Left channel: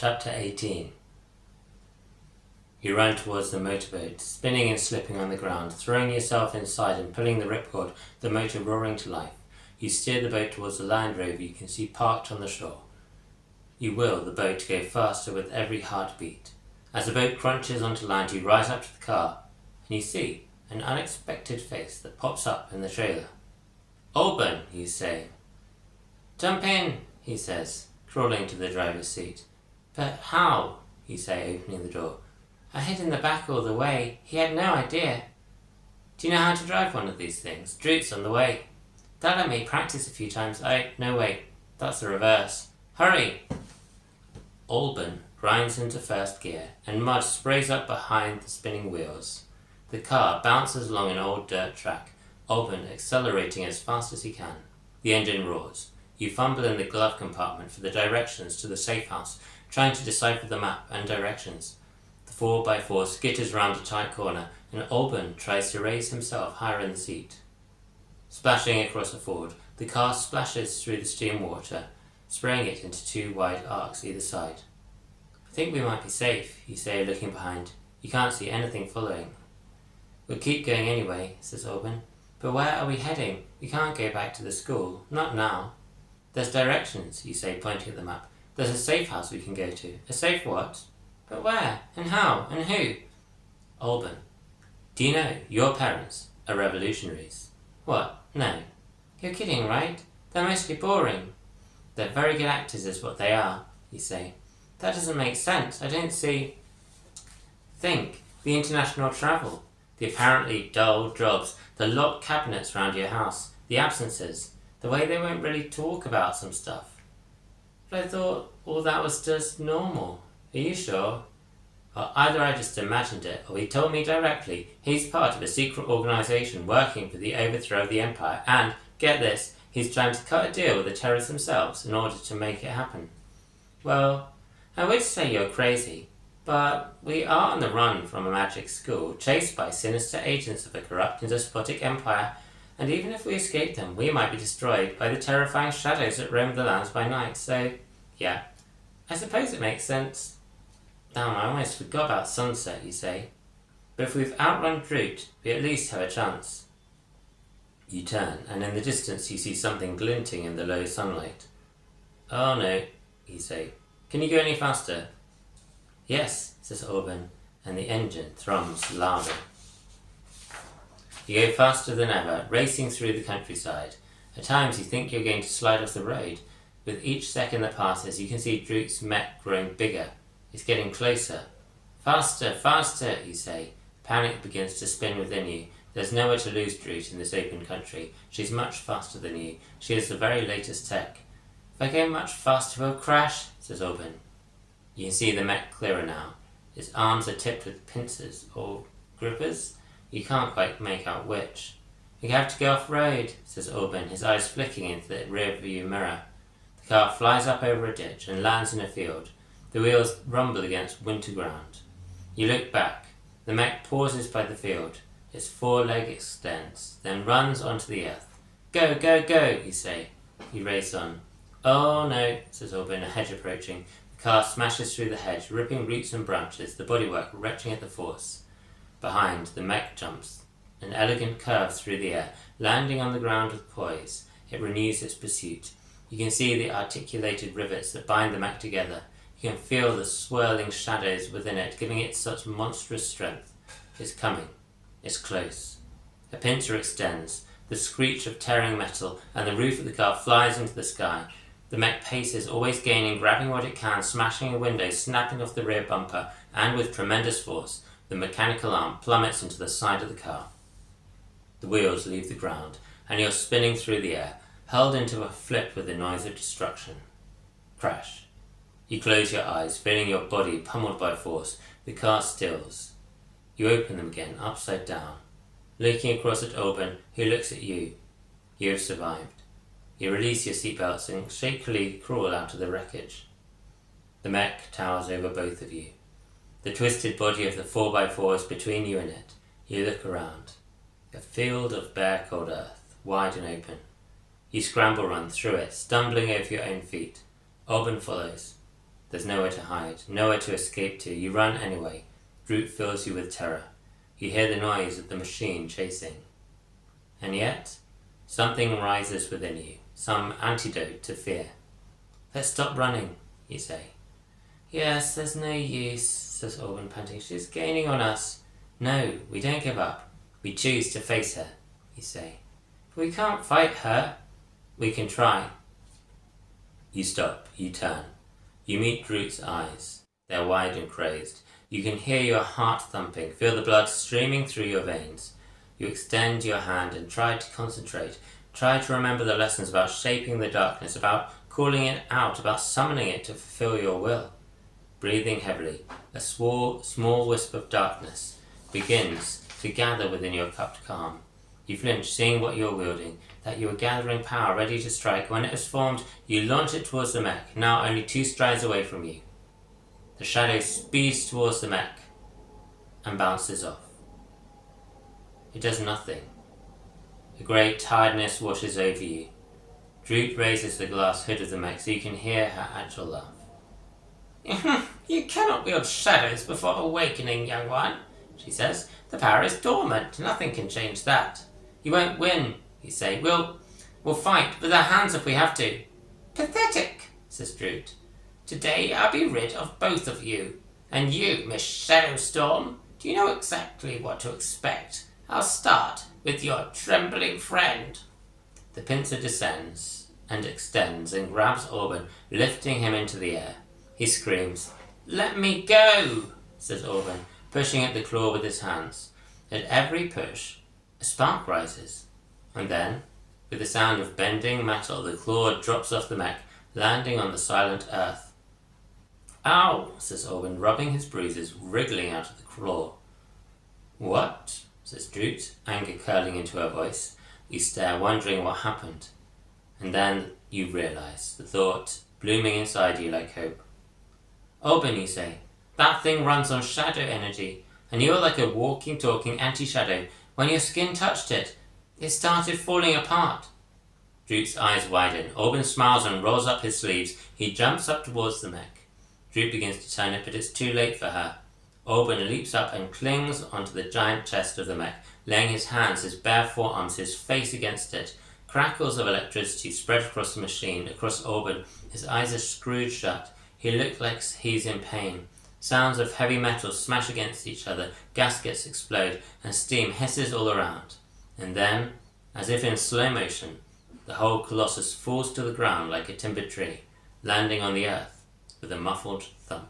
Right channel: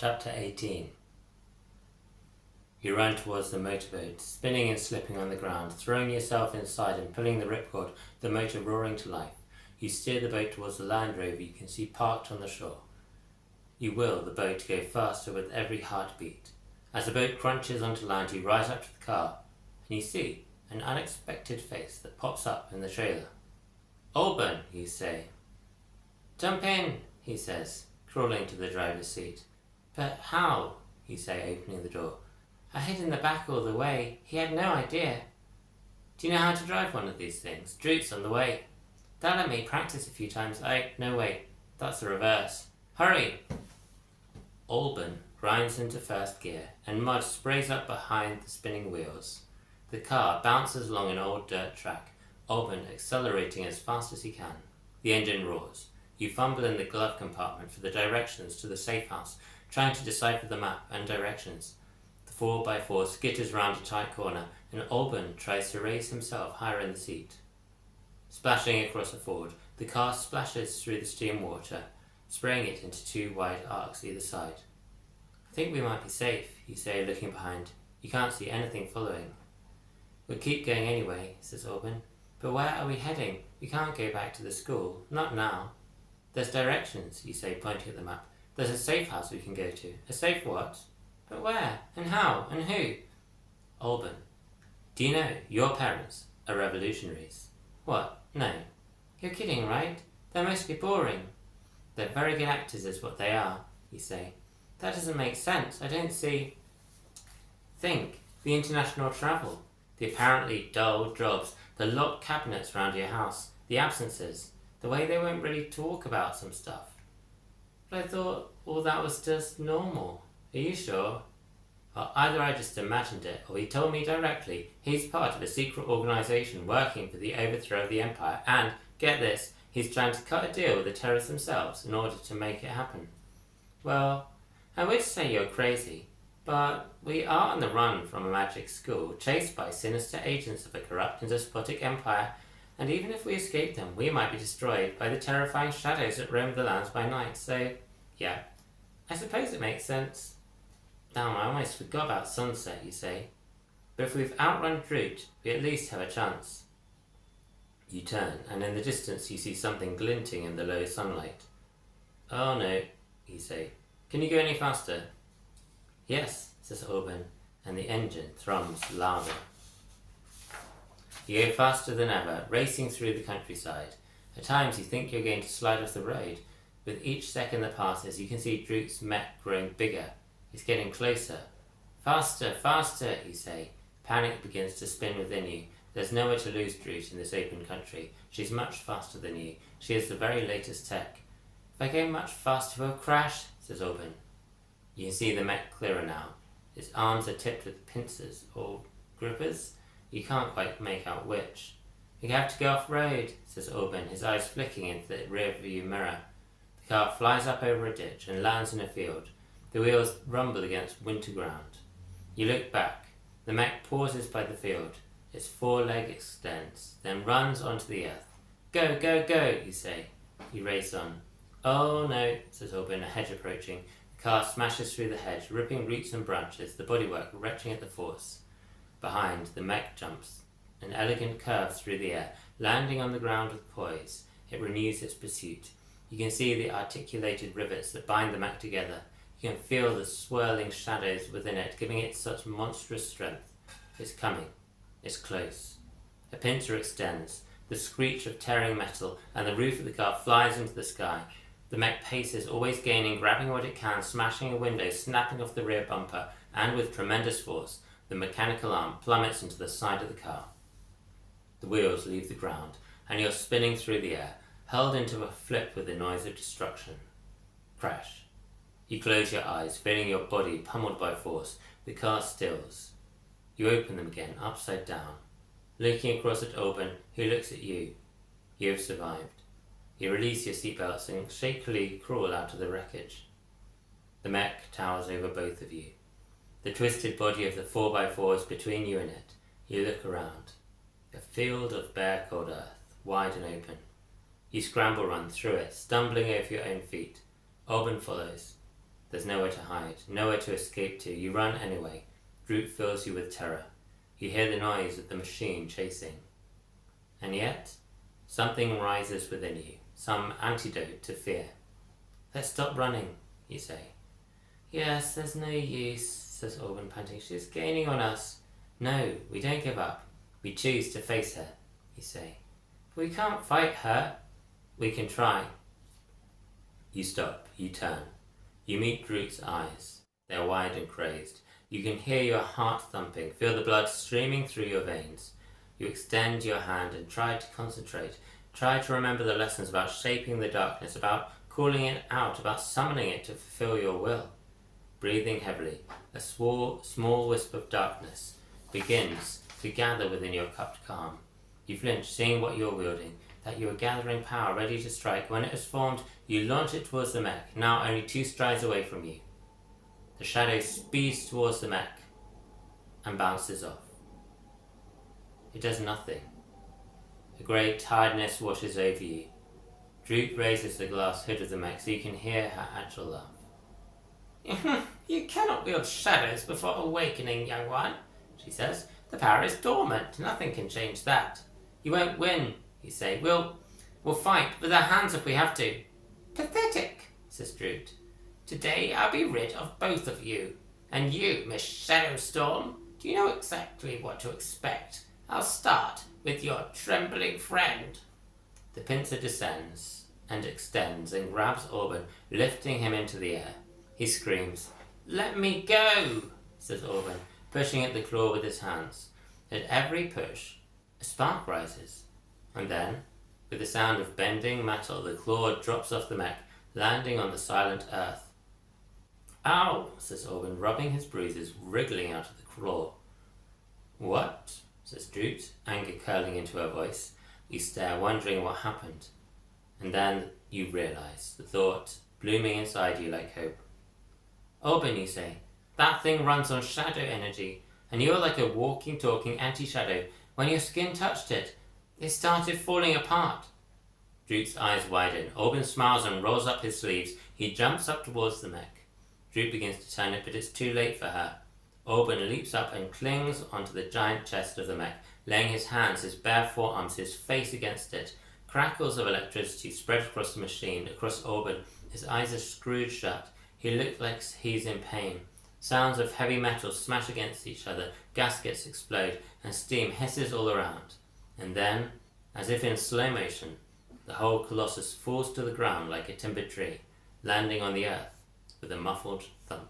Chapter 18. You run towards the motorboat, spinning and slipping on the ground, throwing yourself inside and pulling the ripcord, the motor roaring to life. You steer the boat towards the Land Rover you can see parked on the shore. You will the boat go faster with every heartbeat. As the boat crunches onto land, you rise up to the car, and you see an unexpected face that pops up in the trailer. "Open," you say. "Jump in," he says, crawling to the driver's seat. "But how?" you say, opening the door. "I hid in the back all the way. He had no idea." "Do you know how to drive one of these things? Droot's on the way." "They'll let me practice a few times. No wait, that's the reverse. Hurry!" Alban grinds into first gear, and mud sprays up behind the spinning wheels. The car bounces along an old dirt track, Alban accelerating as fast as he can. The engine roars. You fumble in the glove compartment for the directions to the safe house, trying to decipher the map and directions. The 4x4 skitters round a tight corner, and Alban tries to raise himself higher in the seat. Splashing across a ford, the car splashes through the stream water, spraying it into two wide arcs either side. "I think we might be safe," you say, looking behind. You can't see anything following. "We'll keep going anyway," says Alban. "But where are we heading? We can't go back to the school. Not now." "There's directions," you say, pointing at the map. "There's a safe house we can go to." "A safe what?" "But where? And how? And who?" Alban: "Do you know your parents are revolutionaries?" "What? No." "You're kidding, right? They're mostly boring." "They're very good actors is what they are," you say. "That doesn't make sense. I don't see." "Think. The international travel. The apparently dull jobs. The locked cabinets round your house. The absences. The way they won't really talk about some stuff." "But I thought all that was just normal." "Are you sure?" "Well, either I just imagined it, or he told me directly he's part of a secret organisation working for the overthrow of the empire, and, get this, he's trying to cut a deal with the terrorists themselves in order to make it happen." "Well, I would say you're crazy, but we are on the run from a magic school, chased by sinister agents of a corrupt and despotic empire, and even if we escape them, we might be destroyed by the terrifying shadows that roam the lands by night, so, yeah, I suppose it makes sense." "Damn, I almost forgot about sunset," you say. "But if we've outrun Droot, we at least have a chance." You turn, and in the distance you see something glinting in the low sunlight. "Oh no," you say. "Can you go any faster?" "Yes," says Alban, and the engine thrums louder. You go faster than ever, racing through the countryside. At times you think you're going to slide off the road. With each second that passes, you can see Droot's mech growing bigger. It's getting closer. "Faster, faster," you say. Panic begins to spin within you. There's nowhere to lose Droot in this open country. She's much faster than you. She has the very latest tech. "If I go much faster, we'll crash," says Alban. You can see the mech clearer now. Its arms are tipped with pincers, or grippers. You can't quite make out which. "We have to go off-road," says Alban, his eyes flicking into the rear-view mirror. The car flies up over a ditch and lands in a field. The wheels rumble against winter ground. You look back. The mech pauses by the field. Its foreleg extends, then runs onto the earth. "Go, go, go," you say. You race on. "Oh no," says Alban, a hedge approaching. The car smashes through the hedge, ripping roots and branches, the bodywork retching at the force. Behind, the mech jumps an elegant curve through the air, landing on the ground with poise. It renews its pursuit. You can see the articulated rivets that bind the mech together. You can feel the swirling shadows within it, giving it such monstrous strength. It's coming. It's close. A pincer extends, the screech of tearing metal, and the roof of the car flies into the sky. The mech paces, always gaining, grabbing what it can, smashing a window, snapping off the rear bumper, and with tremendous force, the mechanical arm plummets into the side of the car. The wheels leave the ground, and you're spinning through the air, hurled into a flip with the noise of destruction. Crash. You close your eyes, feeling your body pummeled by force. The car stills. You open them again, upside down, looking across at Alban, who looks at you. You have survived. You release your seatbelts and shakily crawl out of the wreckage. The mech towers over both of you. The twisted body of the 4x4 is between you and it. You look around. A field of bare cold earth, wide and open. You scramble run through it, stumbling over your own feet. Alban follows. There's nowhere to hide, nowhere to escape to. You run anyway. Droop fills you with terror. You hear the noise of the machine chasing. And yet, something rises within you, some antidote to fear. Let's stop running, you say. Yes, there's no use, says Orban, panting. She's gaining on us. No, we don't give up. We choose to face her, you say. But we can't fight her. We can try. You stop, you turn. You meet Droop's eyes. They're wide and crazed. You can hear your heart thumping, feel the blood streaming through your veins. You extend your hand and try to concentrate. Try to remember the lessons about shaping the darkness, about calling it out, about summoning it to fulfill your will. Breathing heavily, a small wisp of darkness begins to gather within your cupped calm. You flinch, seeing what you're wielding, that you are gathering power, ready to strike. When it is formed, you launch it towards the mech, now only 2 strides away from you. The shadow speeds towards the mech and bounces off. It does nothing. A great tiredness washes over you. Droop raises the glass hood of the mech so you can hear her agile laugh. You cannot wield shadows before awakening, young one, she says. The power is dormant. Nothing can change that. You won't win, you say. We'll fight with our hands if we have to. Pathetic, says Droop. Today I'll be rid of both of you. And you, Miss Shadowstorm, do you know exactly what to expect? I'll start with your trembling friend. The pincer descends and extends and grabs Orban, lifting him into the air. He screams, "Let me go," says Orban, pushing at the claw with his hands. At every push, a spark rises. And then, with the sound of bending metal, the claw drops off the mech, landing on the silent earth. "Ow," says Orban, rubbing his bruises, wriggling out of the claw. "What?" says Droop, anger curling into her voice. You stare, wondering what happened. And then you realize, the thought blooming inside you like hope. "Orban," you say, "that thing runs on shadow energy, and you are like a walking, talking anti-shadow. When your skin touched it, it started falling apart." Droop's eyes widen. Orban smiles and rolls up his sleeves. He jumps up towards the mech. Droop begins to turn it, but it's too late for her. Orban leaps up and clings onto the giant chest of the mech, laying his hands, his bare forearms, his face against it. Crackles of electricity spread across the machine, across Orban. His eyes are screwed shut. He looks like he's in pain. Sounds of heavy metal smash against each other, gaskets explode, and steam hisses all around. And then, as if in slow motion, the whole colossus falls to the ground like a timbered tree, landing on the earth with a muffled thump.